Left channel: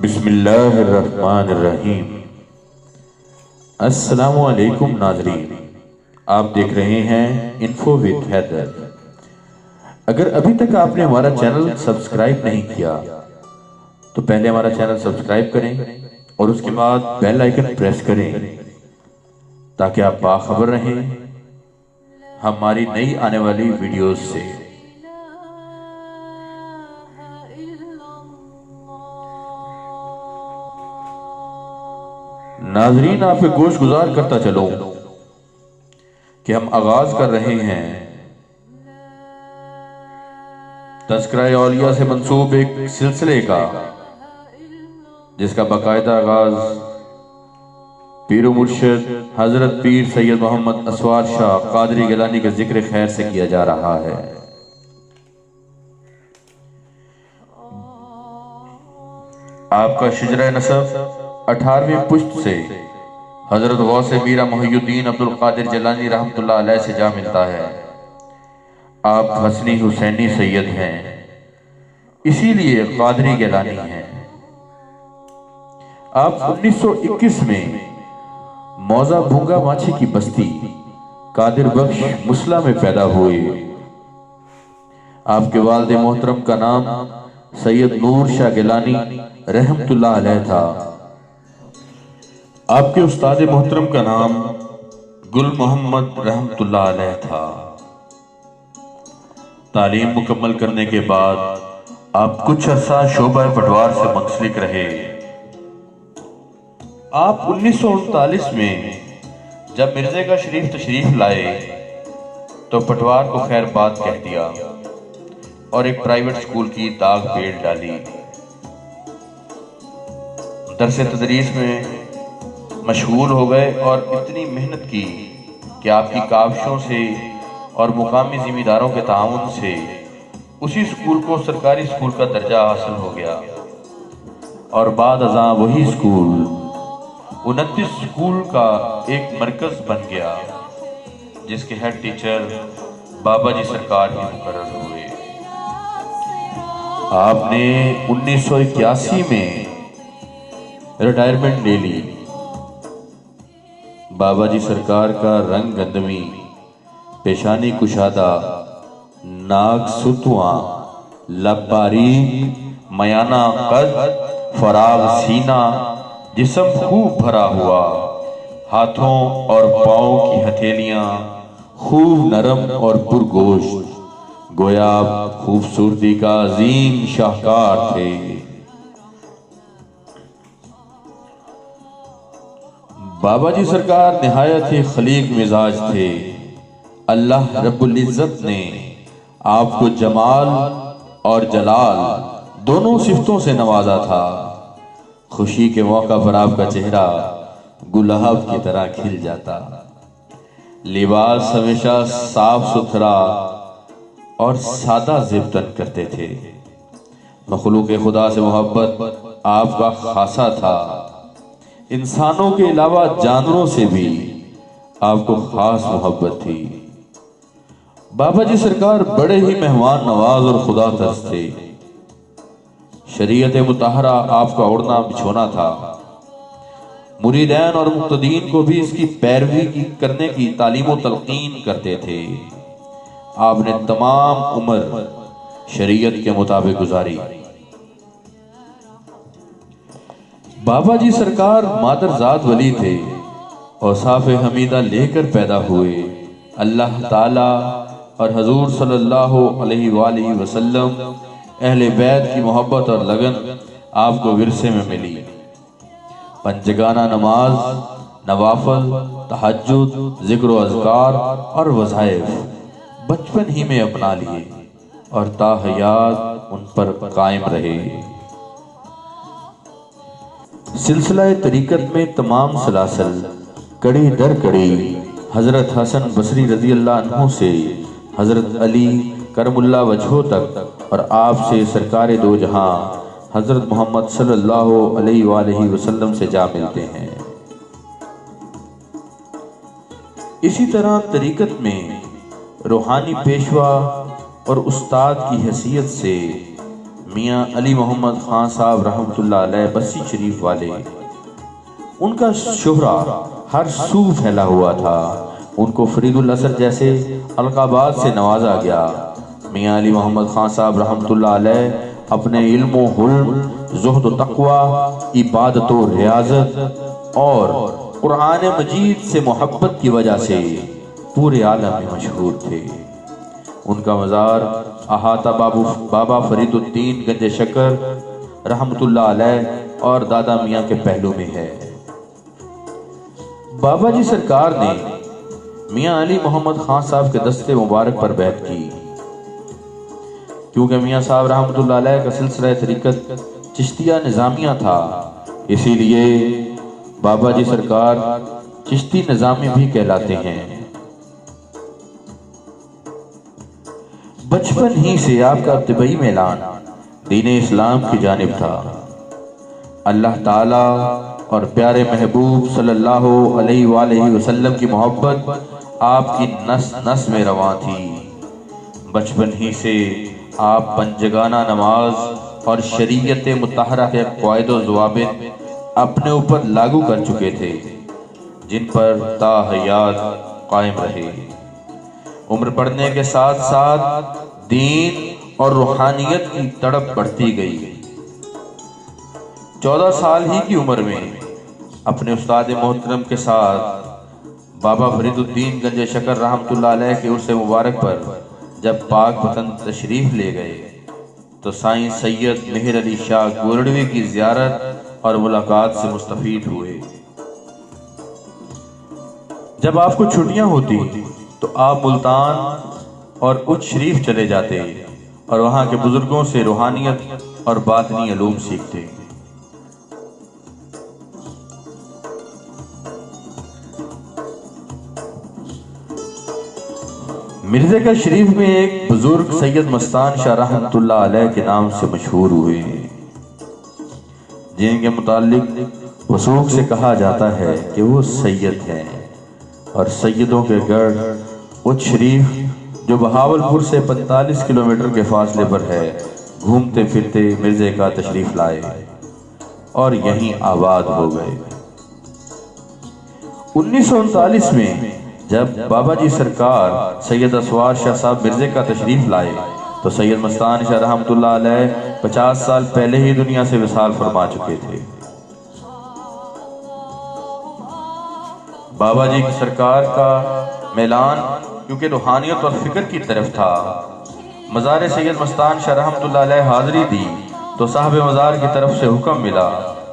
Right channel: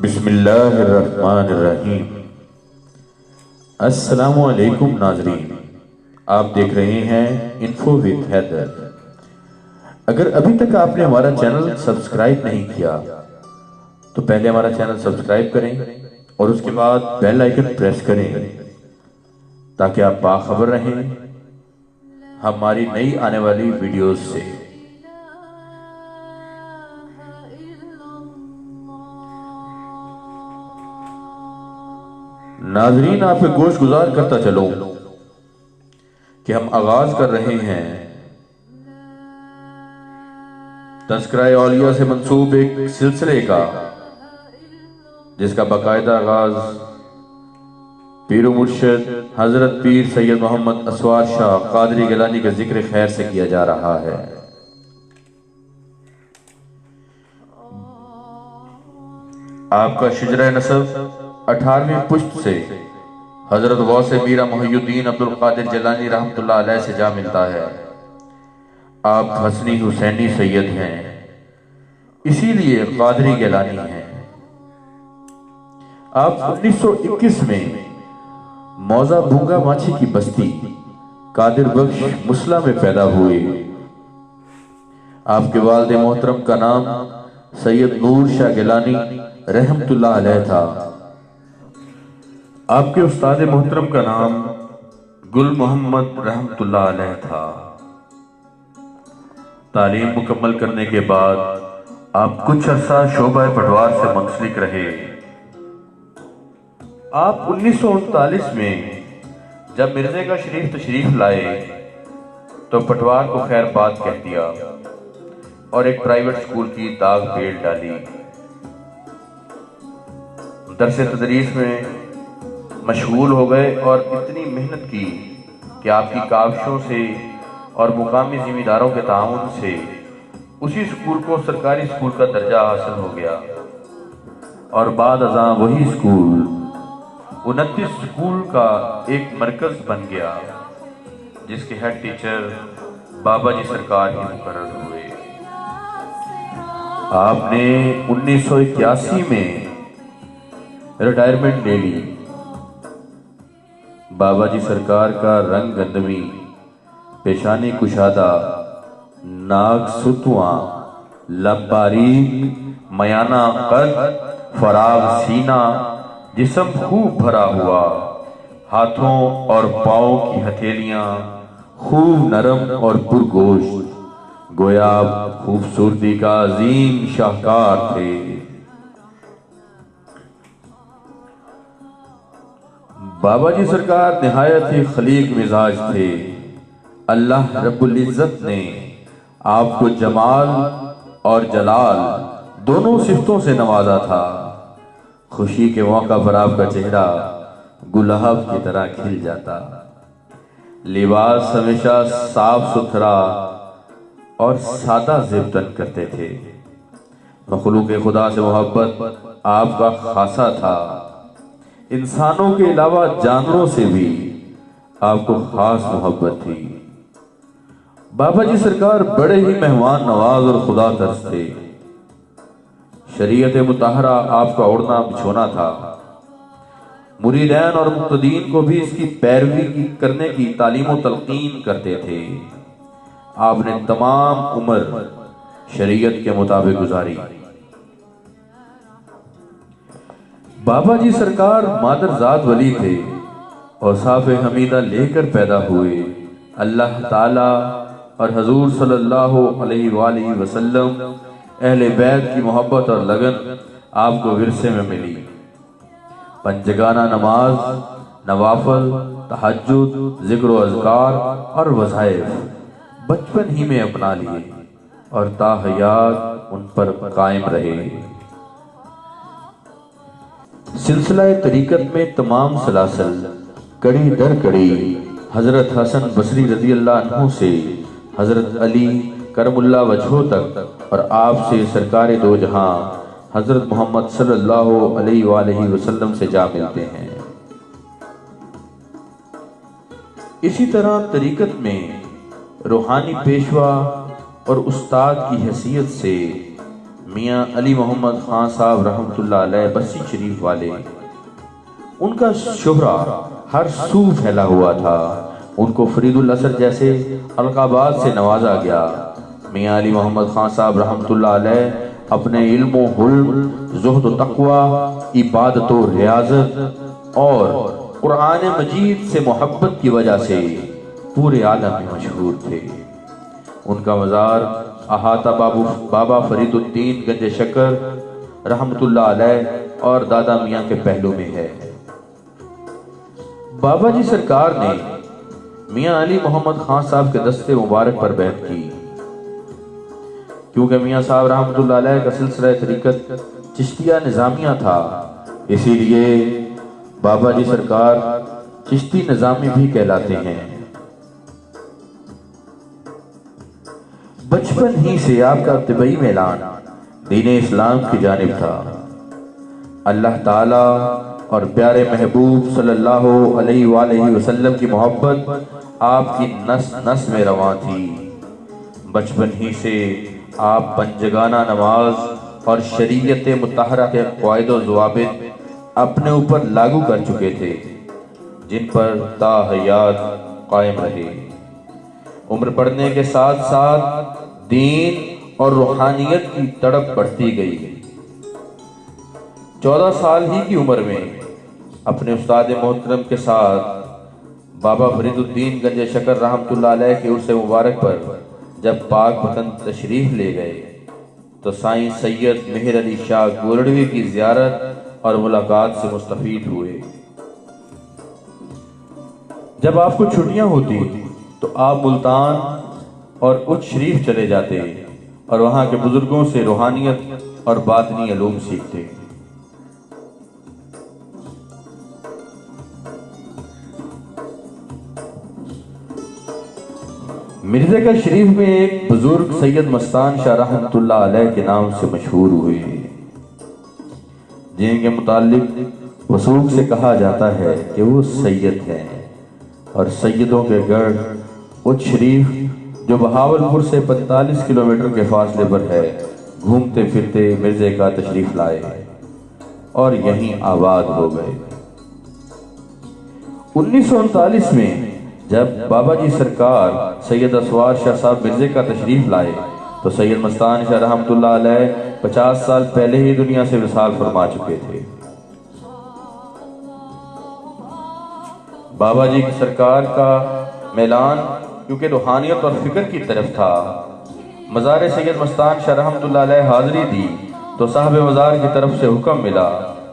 بسم اللہ الرحمن الرحیم۔ السلام علیکم ناظرین، آپ دیکھ رہے ہیں انفو وتھ حیدر۔ اگر ابھی تک آپ نے ہمارا چینل سبسکرائب نہیں کیا تو پہلے ہمارا چینل سبسکرائب کریں اور اس کے بعد بیل آئیکن پریس کریں تاکہ آپ باخبر رہیں ہماری نئی آنے والی ویڈیوز سے۔ ناظرین، آپ پہ گوش گزار کرتا چلوں کہ ہم آغاز کر رہے ہیں تذکرہ اولیاء سے منسوب ایک سلسلے کا، جس کا باقاعدہ آغاز پیر و مرشد حضرت پیر سید محمد اسوار شاہ قادری گیلانی کے ذکر خیر سے کیا جا رہا ہے۔ آپ کا شجرہ نسب 18ویں پشت سے حضرت غوث میرا محی الدین عبدالقادر جیلانی رحمۃ اللہ علیہ سے جا ملتا ہے۔ آپ حسنی حسینی سید ہیں، اسی لیے قادری گیلانی ہیں۔ آپ 1921 میں موزہ بھونگا ماچھی کی بستی قادر بخش مسلح میں پیدا ہوئے۔ آپ کے والد محترم کا نام سید نور شاہ گیلانی رحمۃ اللہ علیہ تھا۔ آپ کے استاد محترم کا نام گل محمد رحمۃ اللہ علیہ تھا۔ تعلیم مکمل کرنے کے بعد آپ کچھ عرصہ شعبہ پٹوار سے منسلک رہے۔ آپ 1939 میں جب مرزے کا شریف تشریف لائے تو پٹوار کو خیر بات کہہ دیا اور ایک پرائیویٹ سکول کی داغ بیل ڈالی۔ درس تدریس میں مشغول ہو گئے اور اتنی محنت کی کہ آپ کی کاوشوں سے اور مقامی ذمہ داروں کے تعاون سے اسی سکول کو سرکاری سکول کا درجہ حاصل ہو گیا، اور بعد ازاں وہی سکول 29 سکول کا ایک مرکز بن گیا، جس کے ہیڈ ٹیچر بابا جی سرکار ہی مقرر ہوئے۔ آپ نے 1981 میں ریٹائرمنٹ لے لی۔ بابا جی سرکار کا رنگ گندمی، پیشانی کشادہ، ناک ستواں، لب باریک، میانہ قد، فراغ سینہ، جسم خوب بھرا ہوا، ہاتھوں اور پاؤں کی ہتھیلیاں خوب نرم اور پرگوشت، گویا آپ خوبصورتی کا عظیم شاہکار تھے۔ بابا جی سرکار نہایت ہی خلیق مزاج تھے۔ اللہ رب العزت نے آپ کو جمال اور جلال دونوں صفتوں سے نوازا تھا۔ خوشی کے موقع پر آپ کا چہرہ گلاب کی طرح کھل جاتا، لباس ہمیشہ صاف ستھرا اور سادہ زیبتن کرتے تھے۔ مخلوق خدا سے محبت آپ کا خاصا تھا۔ انسانوں کے علاوہ جانوروں سے بھی آپ کو خاص محبت تھی۔ بابا جی سرکار بڑے ہی مہمان نواز اور خدا ترس تھے۔ شریعت مطہرہ آپ کا اڑنا بچھونا تھا۔ مریدین اور مقتدین کو بھی اس کی پیروی کرنے کی تعلیم و تلقین کرتے تھے۔ آپ نے تمام عمر شریعت کے مطابق گزاری۔ بابا جی سرکار مادرزاد ولی تھے، اوصاف حمیدہ لے کر پیدا ہوئے۔ اللہ تعالیٰ اور حضور صلی اللہ علیہ وآلہ وسلم، اہل بیت کی محبت اور لگن آپ کو ورثے میں ملی۔ پنجگانہ نماز، نوافل، تہجد، ذکر و اذکار اور وظائف بچپن ہی میں اپنا لیے اور تا حیات ان پر قائم رہے۔ سلسلہ طریقت میں تمام سلاسل کڑی در کڑی حضرت حسن بصری رضی اللہ عنہ سے حضرت علی کرم اللہ وجہہ تک، اور آپ سے سرکار دو جہاں حضرت محمد صلی اللہ علیہ وآلہ وسلم سے جا ملتے ہیں۔ اسی طرح طریقت میں روحانی پیشوا اور استاد کی حیثیت سے میاں علی محمد خان صاحب رحمۃ اللہ علیہ بسی شریف والے، ان کا شہرہ ہر سو پھیلا ہوا تھا، ان کو فرید الاثر جیسے القابات سے نوازا گیا۔ میاں علی محمد خان صاحب رحمۃ اللہ علیہ اپنے علم و حلم، زہد و تقوی، عبادت و ریاضت اور قرآن مجید سے محبت کی وجہ سے پورے عالم میں مشہور تھے۔ ان کا مزار احاطہ بابا فرید الدین گنج شکر رحمۃ اللہ علیہ اور دادا میاں کے پہلو میں ہے۔ بابا جی سرکار نے میاں علی محمد خان صاحب کے دستے مبارک پر بیعت کی، کیونکہ میاں صاحب رحمۃ اللہ علیہ کا سلسلہ طریقت چشتیہ نظامیہ تھا، اسی لیے بابا جی سرکار چشتی نظامی بھی کہلاتے ہیں۔ بچپن ہی سے آپ کا ابتدائی میلان دین اسلام کی جانب تھا۔ اللہ تعالی اور پیارے محبوب صلی اللہ علیہ وآلہ وسلم کی محبت آپ کی نس نس میں رواں تھی۔ بچپن ہی سے آپ پنجگانہ نماز اور شریعت مطہرہ کے قواعد و ضوابط اپنے اوپر لاگو کر چکے تھے، جن پر تا حیات قائم رہے۔ عمر بڑھنے کے ساتھ ساتھ دین اور روحانیت کی تڑپ بڑھتی گئی۔ 14 سال ہی کی عمر میں اپنے استاد محترم کے ساتھ بابا فرید الدین گنج شکر رحمۃ اللہ علیہ کے عرص مبارک پر جب پاک وطن تشریف لے گئے تو سائیں سید مہر علی شاہ گولڑوی کی زیارت اور ملاقات سے مستفید ہوئے۔ جب آپ کو چھٹیاں ہوتی تو آپ ملتان اور اچ شریف چلے جاتے اور وہاں کے بزرگوں سے روحانیت اور باطنی علوم سیکھتے۔ مرزا کا شریف میں ایک بزرگ سید مستان شاہ رحمۃ اللہ علیہ کے نام سے مشہور ہوئے، جن کے متعلق وثوق سے کہا جاتا ہے کہ وہ سید ہیں، اور سیدوں کے گڑھ اچ شریف جو بہاولپور سے 45 کلومیٹر کے فاصلے پر ہے، گھومتے پھرتے مرزے کا تشریف لائے اور یہیں آباد ہو گئے۔ 1939 میں جب بابا جی سرکار سید اسوار شاہ صاحب مرزے کا تشریف لائے تو سید مستان شاہ رحمۃ اللہ علیہ 50 سال پہلے ہی دنیا سے وصال فرما چکے تھے۔ بابا جی کی سرکار کا میلان کیونکہ روحانیت اور فکر کی طرف تھا، مزار سید مستان شاہ رحمۃ اللہ علیہ حاضری دی تو صاحب مزار کی طرف سے حکم ملا،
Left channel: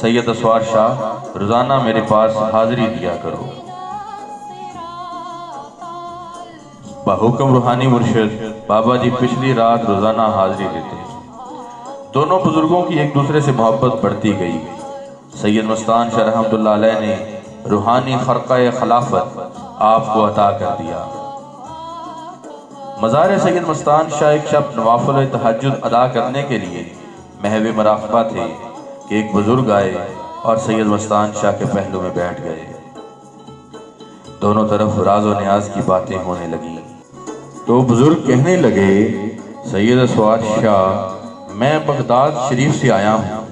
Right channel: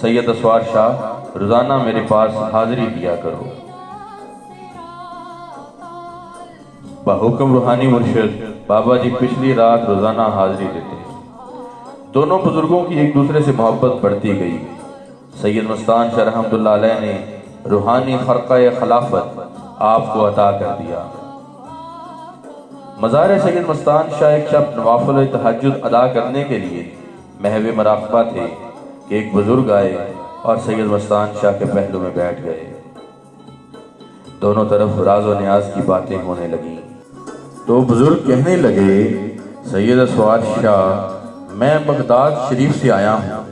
سید اسوار شاہ روزانہ میرے پاس حاضری دیا کرو۔ بحکم روحانی مرشد بابا جی پچھلی رات روزانہ حاضری دیتے۔ دونوں بزرگوں کی ایک دوسرے سے محبت بڑھتی گئی۔ سید مستان شاہ رحمۃ اللہ علیہ نے روحانی خرقہ خلافت آپ کو عطا کر دیا۔ مزار سید مستان شاہ ایک شب نوافل تہجد ادا کرنے کے لیے محو مراقبہ تھے کہ ایک بزرگ آئے اور سید مستان شاہ کے پہلو میں بیٹھ گئے۔ دونوں طرف راز و نیاز کی باتیں ہونے لگیں تو بزرگ کہنے لگے، سید اسوار شاہ میں بغداد شریف سے آیا ہوں،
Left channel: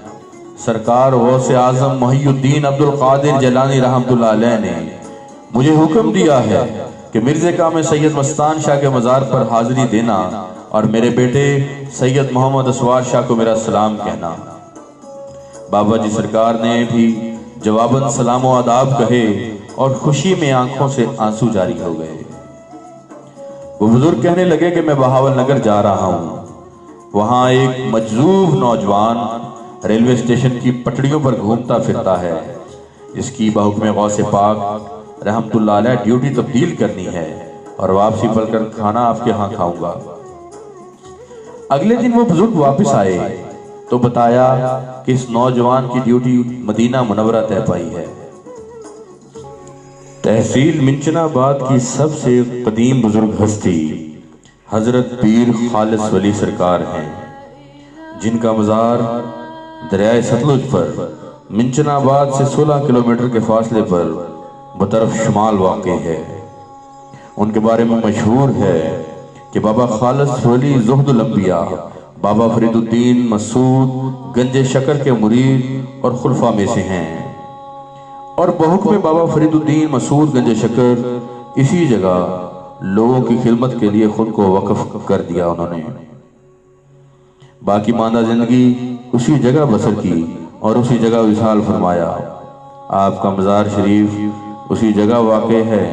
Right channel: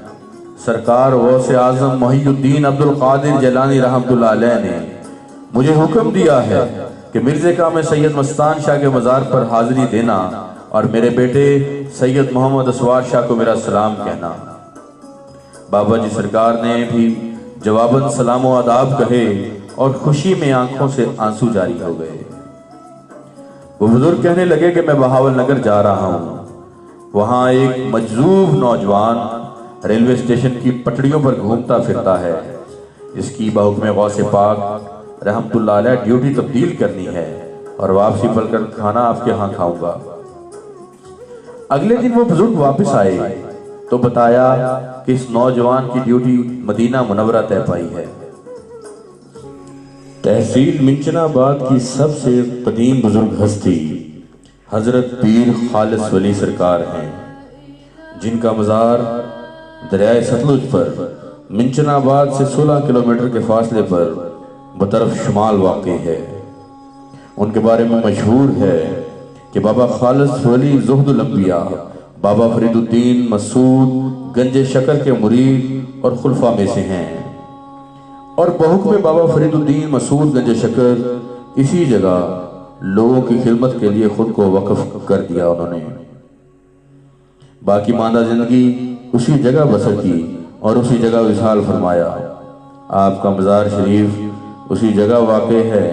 سرکار غوث اعظم محی الدین عبد القادر جیلانی رحمۃ اللہ علیہ نے مجھے حکم دیا ہے کہ مرزے کا میں سید مستان شاہ کے مزار پر حاضری دینا اور میرے بیٹے سید محمد اسوار شاہ کو میرا سلام کہنا۔ بابا جی سرکار نے بھی جواباً سلام و آداب کہے اور خوشی میں آنکھوں سے آنسو جاری ہو گئے۔ وہ بزرگ کہنے لگے کہ میں بہاول نگر جا رہا ہوں، وہاں ایک مجذوب نوجوان ریلوے اسٹیشن کی پٹڑیوں پر گھومتا پھرتا ہے، اس کی بحکم غوث پاک رحمۃ اللہ علیہ ڈیوٹی تبدیل کرنی ہے اور واپسی پر کر کھانا آپ کے ہاں کھاؤں گا۔ اگلے دن وہ بزرگ واپس آئے تو بتایا کہ اس نوجوان کی ڈیوٹی مدینہ منورہ طے پائی ہے۔ تحصیل منچنا آباد کی سب سے قدیم بزرگ ہستی حضرت پیر خالص ولی سرکار ہیں، جن کا مزار دریائے ستلج پر منچنا آباد سے 16 کلومیٹر کے فاصلے پر بطرف شمال واقع ہے۔ ان کے بارے میں مشہور ہے کہ بابا خالص ولی زہد الانبیاء بابا فرید الدین مسعود گنج شکر کے مرید اور خلفاء میں سے ہیں، اور بحکم بابا فرید الدین مسعود گنج شکر اسی جگہ لوگوں کی خدمت کے لیے خود کو وقف کر دیا انہوں نے۔ باقی ماندہ زندگی اسی جگہ بسر کی اور اسی جگہ وصال فرمایا۔ آپ کا مزار شریف اسی جگہ واقع ہے۔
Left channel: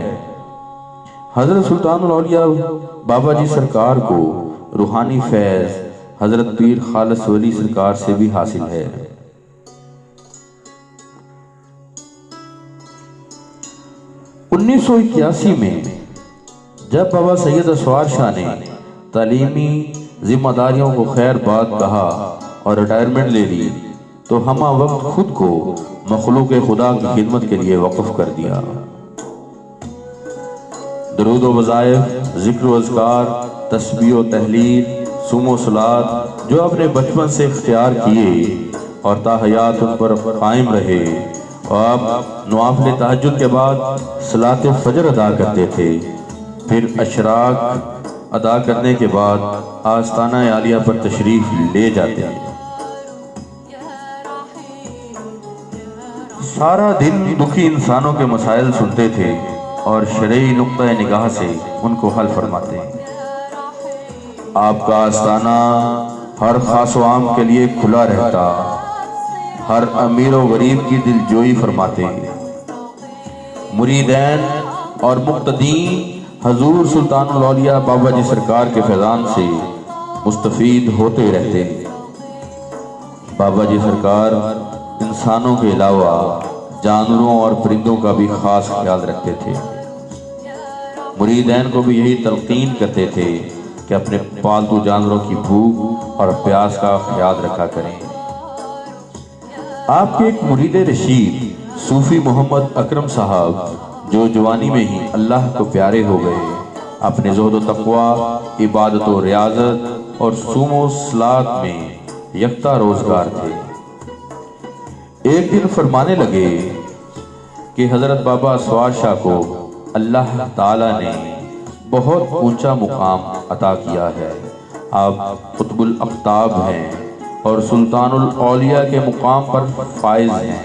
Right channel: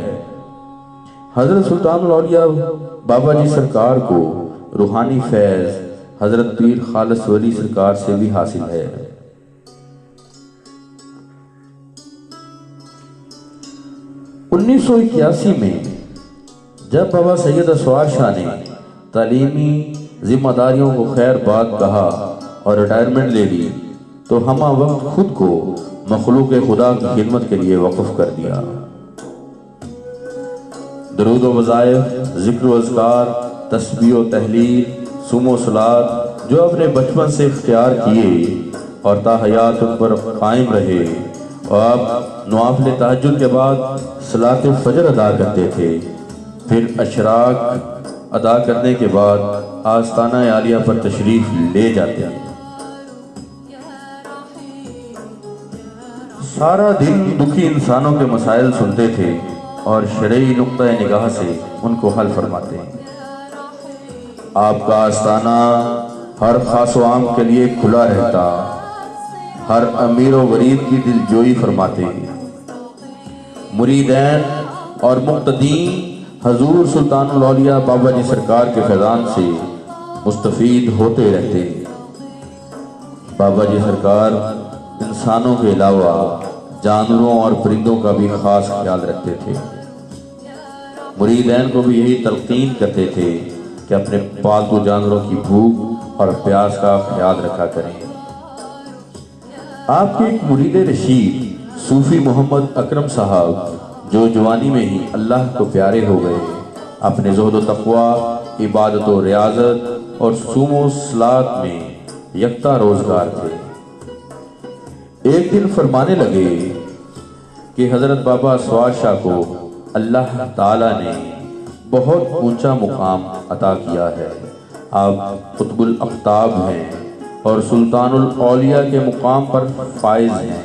حضرت سلطان الاولیاء بابا جی سرکار کو روحانی فیض حضرت پیر خالص ولی سرکار سے بھی حاصل ہے۔ 1981 میں جب بابا سید اسوار شاہ نے تعلیمی ذمہ داریوں کو خیر بات کہا اور ریٹائرمنٹ لے لی تو ہمہ وقت خود کو مخلوق خدا کی خدمت کے لیے وقف کر دیا۔ درود و وظائف، ذکر و اذکار، تسبیح و تحلیل، صوم و صلات جو اپنے بچپن سے اختیار کیے اور تا حیات ان پر قائم رہے، اور آپ نوافل تہجد کے بعد صلاۃ فجر ادا کرتے تھے، پھر اشراق ادا کرنے کے بعد آستانہ عالیہ پر تشریف لے جاتے ہیں۔ سارا دن دکھی انسانوں کے مسائل سنتے تھے اور شرعی نقطہ نگاہ سے ان کو حل فرماتے ہیں۔ آپ کا آستانہ ہر خاص و عام کے لیے کھلا رہتا، ہر امیر و غریب کی دل جوئی فرماتے ہیں۔ مریدین اور مقتدین حضور سلطان الاولیاء بابا جی سرکار کے فیضان سے مستفید ہوتے رہتے ہیں۔ بابا جی سرکار انسانوں کے علاوہ جانوروں اور پرندوں کا بھی خاص خیال رکھتے تھے۔ مریدین کو بھی یہی تلقین کرتے تھے کہ اپنے پالتو جانوروں کی بھوک اور پیاس کا خیال رکھا کریں۔ آپ کے ایک مرید رشید صوفی محمد اکرم صاحب جو جوانی میں ہی اللہ کو پیارے ہو گئے، اپنے زہد و تقوی، عبادت و ریاضت اور صوم و صلات میں یکتا روزگار تھے۔ ایک دن فرمانے لگے کہ حضرت بابا اسوار شاہ کو اللہ تعالیٰ نے بہت اونچا مقام عطا کیا ہے۔ آپ قطب الاقطاب ہیں اور سلطان الاولیاء کے مقام پر فائز ہیں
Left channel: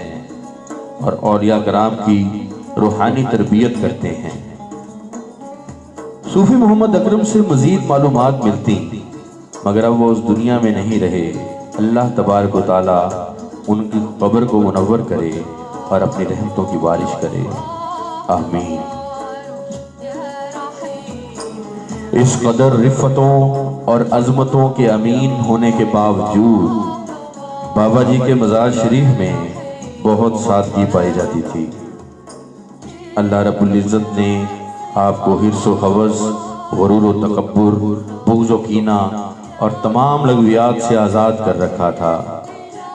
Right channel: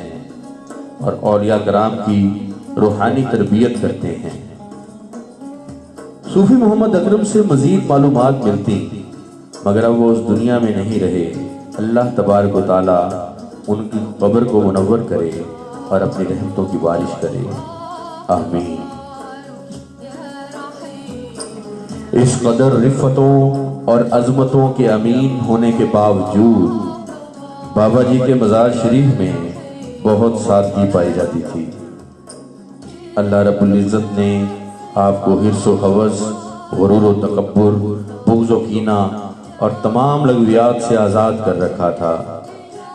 اور اولیاء کرام کی روحانی تربیت کرتے ہیں۔ صوفی محمد اکرم سے مزید معلومات ملتی مگر اب وہ اس دنیا میں نہیں رہے۔ اللہ تبارک و تعالیٰ ان کی قبر کو منور کرے اور اپنی رحمتوں کی بارش کرے، آمین۔ اس قدر رفتوں اور عظمتوں کے امین ہونے کے باوجود بابا جی کے مزار شریف میں بہت سادگی پائی جاتی تھی۔ اللہ رب العزت نے آپ کو حرص و حوث، غرور و تکبر، بغض و کینہ اور تمام لغویات سے آزاد کر رکھا تھا۔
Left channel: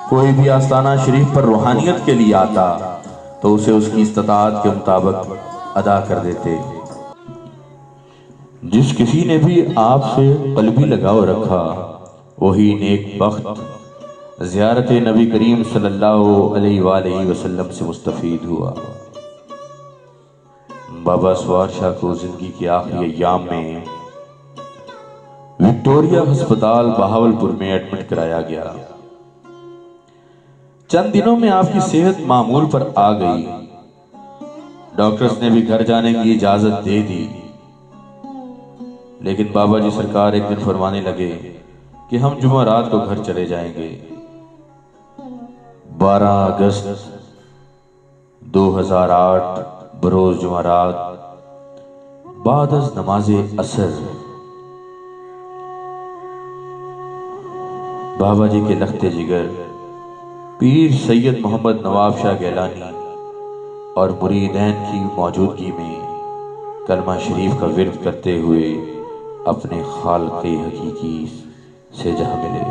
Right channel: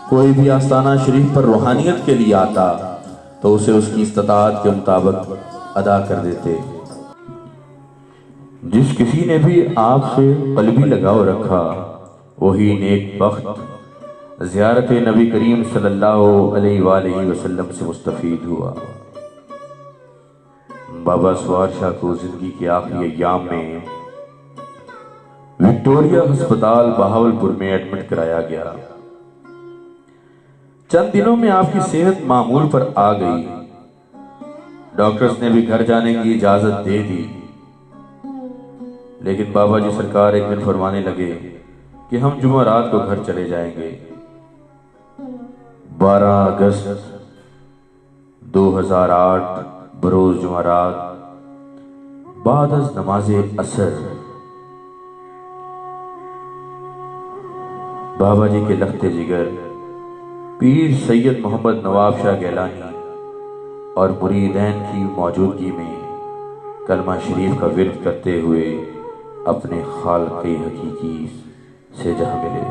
کوئی بھی آستانہ شریف پر روحانیت کے لیے آتا تو اسے اس کی استطاعت کے مطابق ادا کر دیتے۔ جس کسی نے بھی آپ سے قلبی لگاؤ رکھا وہی نیک بخت زیارت نبی کریم صلی اللہ علیہ وآلہ وسلم سے مستفید ہوا۔ بابا اسوار شاہ کو زندگی کے آخری ایام میں وکٹوریا ہسپتال بہاولپور میں ایڈمٹ کرایا گیا۔ چند دنوں میں آپ کی صحت معمول پر آ گئی۔ ڈاکٹرز نے بھی گھر جانے کی اجازت دے دی، لیکن بابا جی سرکار ایک دن فرمانے لگے کہ ہم جمعرات کو گھر چلے جائیں گے۔ 12 اگست 2008 بروز جمعرات بعد از نماز عصر بابا جی کے لخت جگر پیر سید محمد نواب شاہ گیلانی اور مریدین کی موجودگی میں کلمہ شریف کا ورد کرتے ہوئے اپنے خالق حقیقی سے جا ملے۔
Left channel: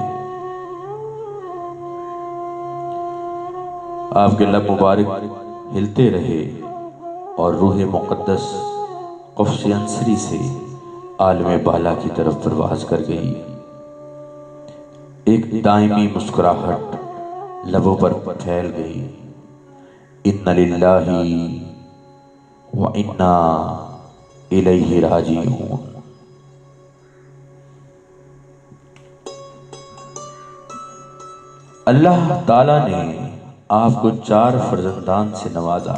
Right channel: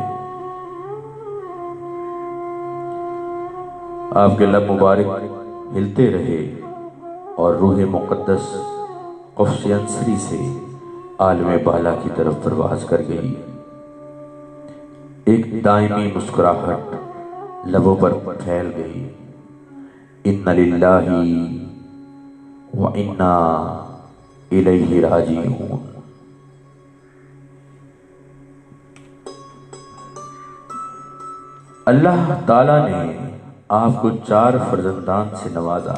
آپ کے لب مبارک ہلتے رہے اور روح مقدس قفص انصری سے عالم بالا کی طرف پرواز کر گئی۔ ایک دائمی مسکراہٹ لبوں پر پھیل گئی۔ اِنَّ لِلَّهِ وَإِنَّا إِلَيْهِ رَاجِعُونَ۔ اللہ تعالیٰ نے آپ کو 4 فرزندان سے نوازا،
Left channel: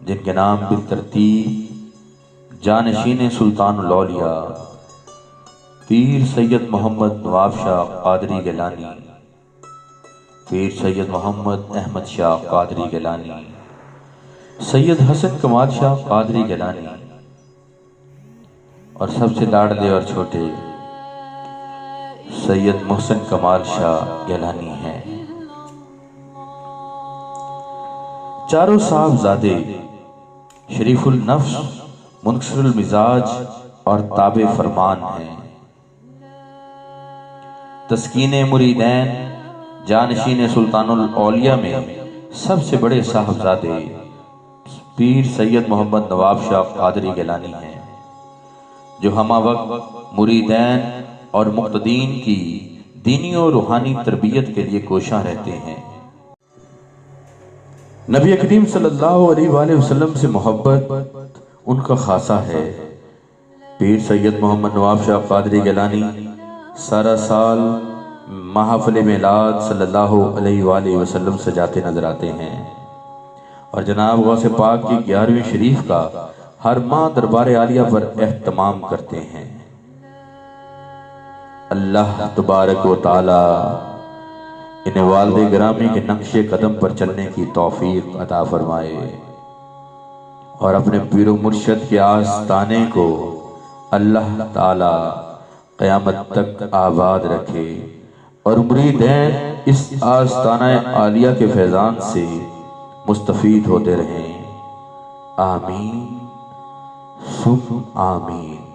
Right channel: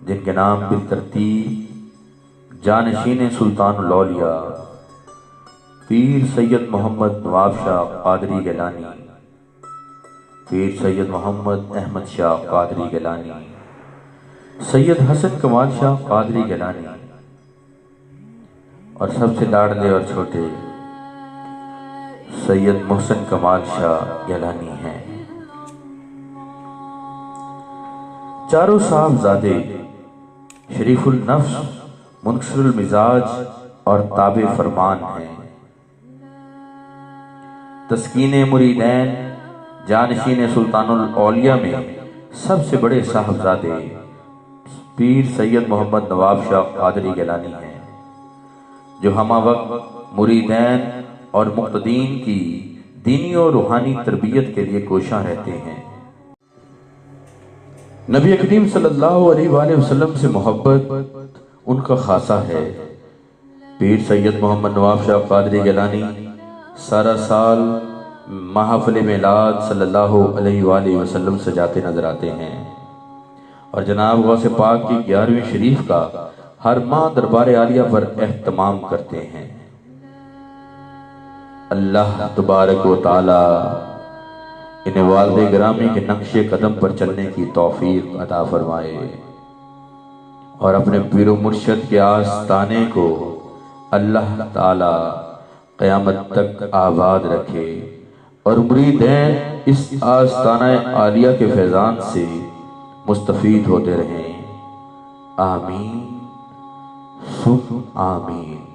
جن کے نام بالترتیب جانشین سلطان الاولیاء پیر سید محمد نواب شاہ قادری گیلانی، پیر سید محمد احمد شاہ قادری گیلانی، سید حسن کمال شاہ قادری گیلانی، اور سب سے لاڈلے اور چھوٹے سید محسن کمال شاہ گیلانی ہیں۔ چاروں صاحبزادے شریف النفس، منکسر المزاج اور تابع فرمان ہیں۔ تسکین مریدین جانشین سلطان الاولیاء میں سب سے بڑے صاحبزادے پیر سید محمد نواب شاہ قادری گیلانی ہیں، جو ہمہ وقت مریدین اور مقتدین کی دینی اور روحانی تربیت کے لیے کوشاں رہتے ہیں۔ نبی کریم صلی اللہ علیہ وآلہ وسلم سے محبت ان کا خاصہ ہے۔ پیر سید محمد نواب شاہ قادری گیلانی سارا سال محافل میلاد صلی اللہ علیہ وآلہ وسلم سجاتے نظر آتے ہیں، اور جناب غوث پاک کی 11ویں شریف کا ہر ماہ دربار عالیہ پر اہتمام کرتے ہیں۔ اللہ تبارک و تعالی انہیں والد گرامی کے نقش قدم پر چلنے کی توفیق عطا فرمائے، اور اپنے پیر و مرشد کے آستانے کو اللہ تعالی قیامت تک آباد رکھے، اور مریدین اس آستانہ عالیہ کے فیضان سے مستفید ہوتے رہیں۔ آمین ثم آمین۔